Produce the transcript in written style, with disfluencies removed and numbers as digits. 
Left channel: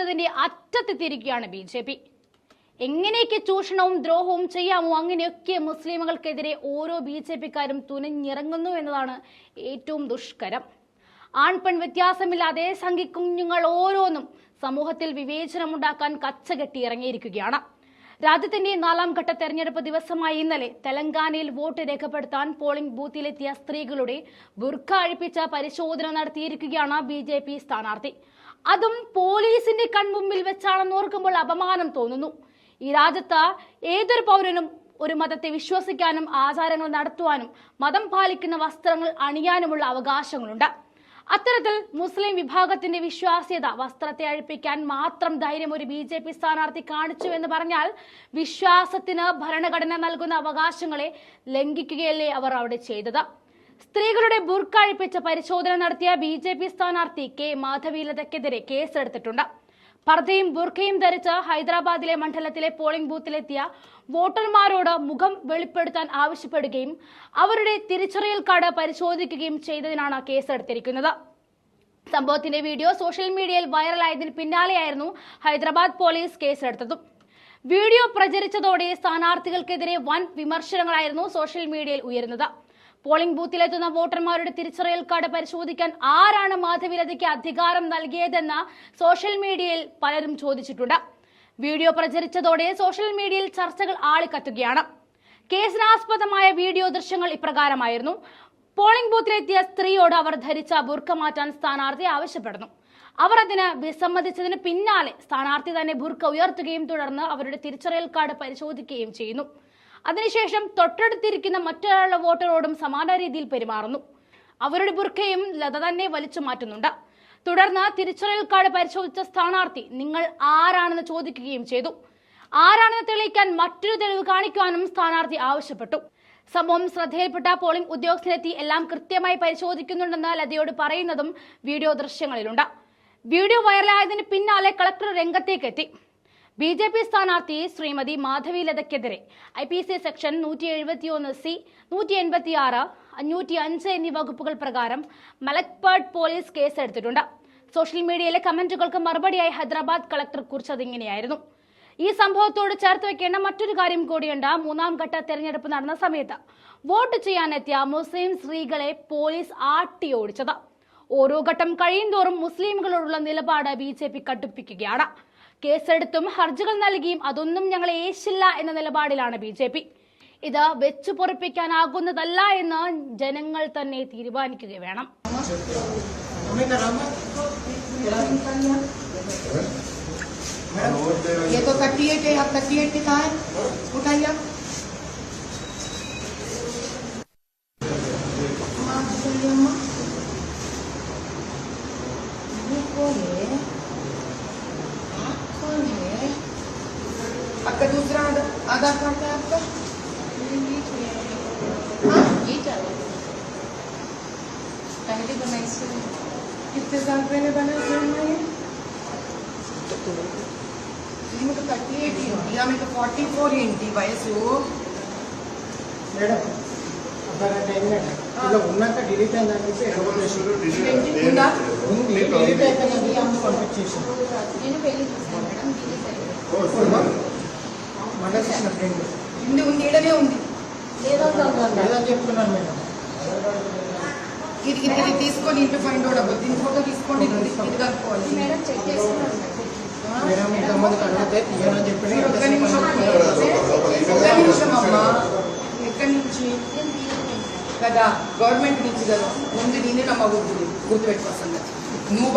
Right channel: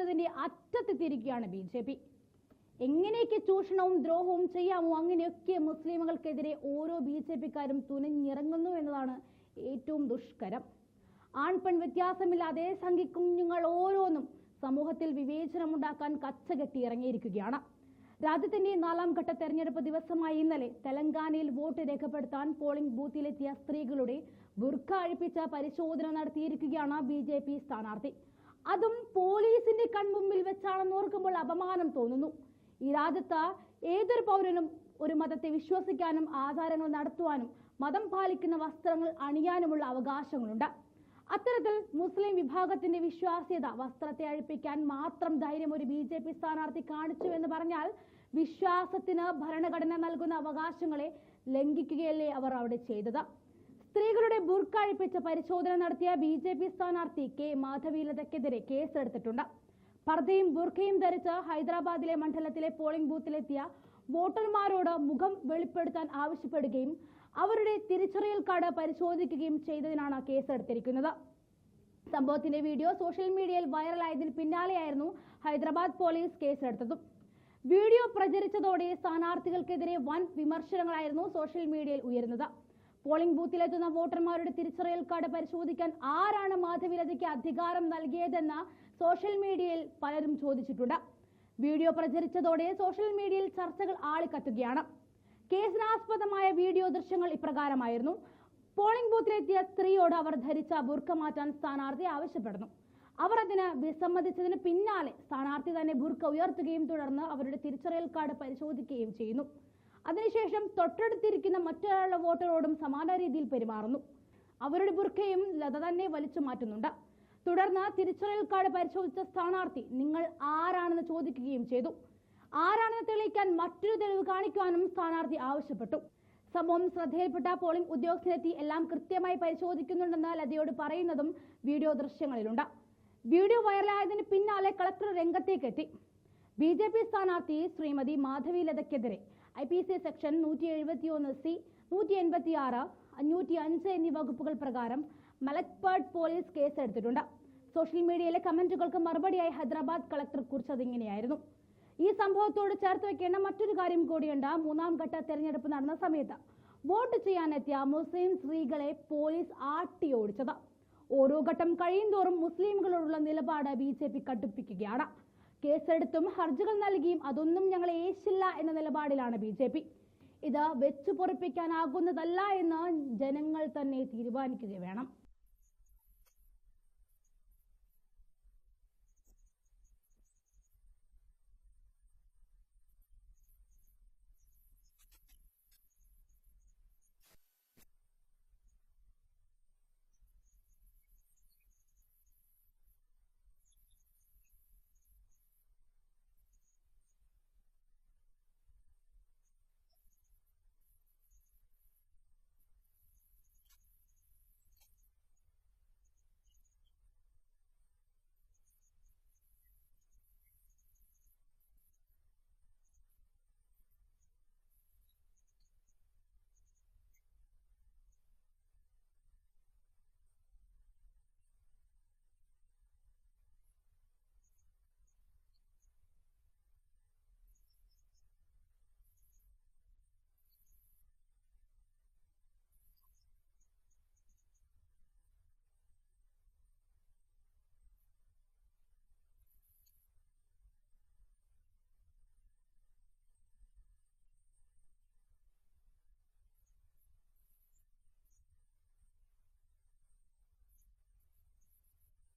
എന്നതിന്റെ അറ്റത്തെത്തിയിരിക്കുകയാണ് ബി.ജെ.പി. എങ്ങനെയൊക്കെ ചൂഷണവും ദ്രോഹവും ചെയ്യാമോ അങ്ങനെയൊക്കെ മുസ്ലിമുകൾക്കെതിരെ ഓരോ ബി.ജെ.പിക്കാരും തുനിഞ്ഞിറങ്ങുന്നു എന്നതാണ് ഏറ്റവും ദുഷ്കരം. ആൺപെൺ വ്യത്യാസമില്ലാതെ സംഘിക്കുഞ്ഞുങ്ങൾ ഓരോന്നും സമൂഹത്തിൽ വിവേചനമുണ്ടാക്കാൻ കച്ചകെട്ടി ഇറങ്ങിയിരിക്കുകയാണ്. രാജ്യത്തിന്റെ 4ാം ഘട്ട തെരഞ്ഞെടുപ്പ് ദിവസമായ ഇന്നലെ തെലങ്കാനയിൽ വോട്ട് രേഖപ്പെടുത്താൻ പോളിംഗ് ബൂത്തിലെത്തിയ സ്ത്രീകളുടെ ബുർഖ അഴിപ്പിച്ച പരിശോധന നടത്തിയിരിക്കുകയാണ് ബി.ജെ.പി. സ്ഥാനാർത്ഥി. അതും പോലീസിന്റെ കൺമുമ്പിൽ വെച്ചാണെന്ന് ഓർക്കുമ്പോൾ അപമാനം തോന്നുന്നു. ഈ രാജ്യത്ത് ഏതൊരു പൗരനും ഒരു മതത്തെ വിശ്വസിക്കാനും ആചാരങ്ങൾ നടത്തുവാനും മതം പാലിക്കുന്ന വസ്ത്രങ്ങൾ അണിയാനുമുള്ള അവകാശങ്ങളുണ്ട്. അത്തരത്തിൽ മുസ്ലിം വിഭാഗത്തിന്റെ വിശ്വാസ്യത വസ്ത്രത്തെ അഴിപ്പിക്കാൻ മാത്രം ധൈര്യം ഒരു ബി.ജെ.പി. സ്ഥാനാർത്ഥി കാണിച്ചു എന്ന് പറഞ്ഞാൽ വിശ്വാസത്തിന് ഭരണഘടന നൽകുന്ന അവകാശങ്ങളെ ലംഘിക്കുകയല്ലേ അവർ അവിടെ ചെയ്തത്. സ്ത്രീകളുടെ ബുർഖ അഴിപ്പിച്ച പരിശോധന നടത്തിയ ബി.ജെ.പി. സ്ഥാനാർത്ഥി കെ മാധവീലതയ്ക്കെതിരെ കേസെടുത്തിട്ടുണ്ട്. പർദ്ദയും ബുർഖയും ധരിച്ച് ഹൈദരാബാദിലെ മണ്ഡലത്തിലെ പോളിംഗ് ബൂത്തിലെത്തിയ വോട്ടർമാരോട് മുഖം വെളിപ്പെടുത്താൻ ആവശ്യപ്പെടുകയും അവരുടെ തിരിച്ചറിയൽ കാർഡ് പരിശോധിക്കുകയും ചെയ്തതിനാണ് കേസെടുത്തിരിക്കുന്നത്. സംഭവത്തിന്റെ വീഡിയോ സോഷ്യൽ മീഡിയയിൽ വൈറലായതിന് പിന്നാലെയായിരുന്നു ഹൈദരാബാദ് പോലീസ് കേസെടുത്തതും. വീഡിയോ പ്രചരിച്ചതോടെ സ്ഥാനാർത്ഥികൾക്കെതിരെ വൻ വിമർശനങ്ങളായിരുന്നു സോഷ്യൽ മീഡിയയിൽ ഉയരുന്നത്. പോളിംഗ് ബൂത്തിലെത്തുന്ന വോട്ടർമാരുടെ തിരിച്ചറിയൽ കാർഡ് പരിശോധിക്കാൻ ആരാണ് മാധവീലതയ്ക്ക് അധികാരം നൽകിയതെന്ന് സോഷ്യൽ മീഡിയയിൽ പലരും ചോദിച്ചിട്ടുണ്ട്. വീഡിയോ പ്രചരിച്ചതോടെ സോഷ്യൽ മീഡിയയിൽ ചർച്ചകൾ ആളിക്കത്തുകയാണ്. കേസിനാസ്പദമായ വീഡിയോ ദൃശ്യങ്ങൾ ഇപ്രകാരമായിരുന്നു. പോളിംഗ് ബൂത്തിലെത്തിയ സ്ത്രീയോട് അവർ ധരിച്ച ബുർഖ മാറ്റാൻ സ്ഥാനാർത്ഥി ആവശ്യപ്പെടുന്നു. അവർ അതിന് വിസമ്മതിച്ചതിന് പിന്നാലെ സ്ഥാനാർത്ഥി തന്നെ ബുർഖ ഉയർത്തുകയും തുടർന്ന് അവരുടെ തിരിച്ചറിയൽ കാർഡ് പരിശോധിക്കുകയും ചെയ്യുന്നു. അതിനുശേഷം തൊട്ടടുത്തിരിക്കുന്ന മറ്റൊരാളുടെ വോട്ടറോടും സമാന രീതിയിൽ പെരുമാറുന്നു. അവരുടെ ബുർഖയും ലത തന്നെ വലിച്ചു മാറ്റുന്നുണ്ട്. തുടർന്ന് തിരിച്ചറിയൽ കാർഡ് പരിശോധിച്ച സ്ഥാനാർത്ഥി നിങ്ങൾ ആരാണെന്ന് ചോദിക്കുകയും ചെയ്തു. ആരാണെന്ന് തെളിയിക്കാൻ മറ്റൊരു തെളിവ് കാണിക്കുവാനും സ്ഥാനാർത്ഥി ആവശ്യപ്പെട്ടു. സംഭവം ശ്രദ്ധയിൽപ്പെട്ട പോളിംഗ് ഉദ്യോഗസ്ഥരെത്തി എല്ലാം കൃത്യമായി പരിശോധിക്കുന്നുണ്ടെന്ന് ലതയോട് പറയുന്നതും വീഡിയോ ദൃശ്യങ്ങളിലുണ്ട്. വീഡിയോ വൈറലായതിന് പിന്നാലെ കളക്ടർ രംഗത്തേക്കെത്തി. ബി.ജെ.പി. സ്ഥാനാർത്ഥി ശ്രീമതി മാധവീലതയ്ക്കെതിരെ IPC സെക്ഷൻ 171C, 186, 505 എന്നീ വകുപ്പുകൾ പ്രകാരം മലക്പേട്ട് പോലീസ് കേസെടുത്തിട്ടുണ്ട്. സോഷ്യൽ മീഡിയയിലെ കമന്റുകൾക്ക് മറുപടിയായി ഹൈദരാബാദ് കളക്ടർ കുറിച്ചത് ഇങ്ങനെയായിരുന്നു. ഈ സംഭവത്തോട് ചേർത്ത് വെക്കേണ്ട മറ്റൊരു കാര്യം കൂടിയുണ്ട്. 3ാം ഘട്ട തെരഞ്ഞെടുപ്പ് നടന്ന സമയത്ത് വോട്ട് ചെയ്യാനെത്തിയ മുസ്ലിം സ്ത്രീകളെ പോലീസ് ആട്ടിയോടിച്ചത്. ഓരോ ഘട്ടം കഴിയുന്തോറും മുസ്ലിമുകളോടുള്ള നിലപാട് ബി.ജെ.പി. കടുപ്പിക്കുകയാണ്. കേസെടുത്തും ഹർജികൾ നൽകിയും അതൊന്നും ഞങ്ങളെ ഏശില്ല എന്ന നിലപാടിലാണ് ബി.ജെ.പി. ഇത് വെച്ചു പൊറിപ്പിക്കാനാകുന്നതല്ല എന്ന് ജനങ്ങൾ തന്നെ തീരുമാനിക്കുക വേണം. आपका दूसरा आधार कार्ड है आपका? ये चाहिए। पहले बनाई से कितने साल पहले बना ये? मैं तो 38 ही हूँ या मैं तो 44 इंटी वयस हो मैडम ఇలా ఉన్నాక డిలీట్ అయిందనేసి ఉందా డిలీట్ అయిపోయింది అమ్మ పంపించేసాను నేను పెళ్లి చేశాను మేడం డిలీట్ అయ్యింది మండల చేసిన ఫ్రెండ్ ఉంది ఈడనే ఉంది లేదని చెప్తున్నాను మేడం ఇది తీసుకొని ఇంట్లో ఫైండ్ అవుట్ అవ్వదు దీని ఫోటో తీసుకోండి ఇది కలుపుకోవాలి మేడం చెక్ చేస్తున్నాను మేడం ఇంతమందికి అడిగితే తీయనని చెప్పి ఒక్క నిమిషం అమ్మా ఎక్కడి నుంచి కదా గవర్నమెంట్ నుంచి కదా ముందు నేనే నమ్మకూడదు గుర్తుపెట్టుకోవాలి నువ్వు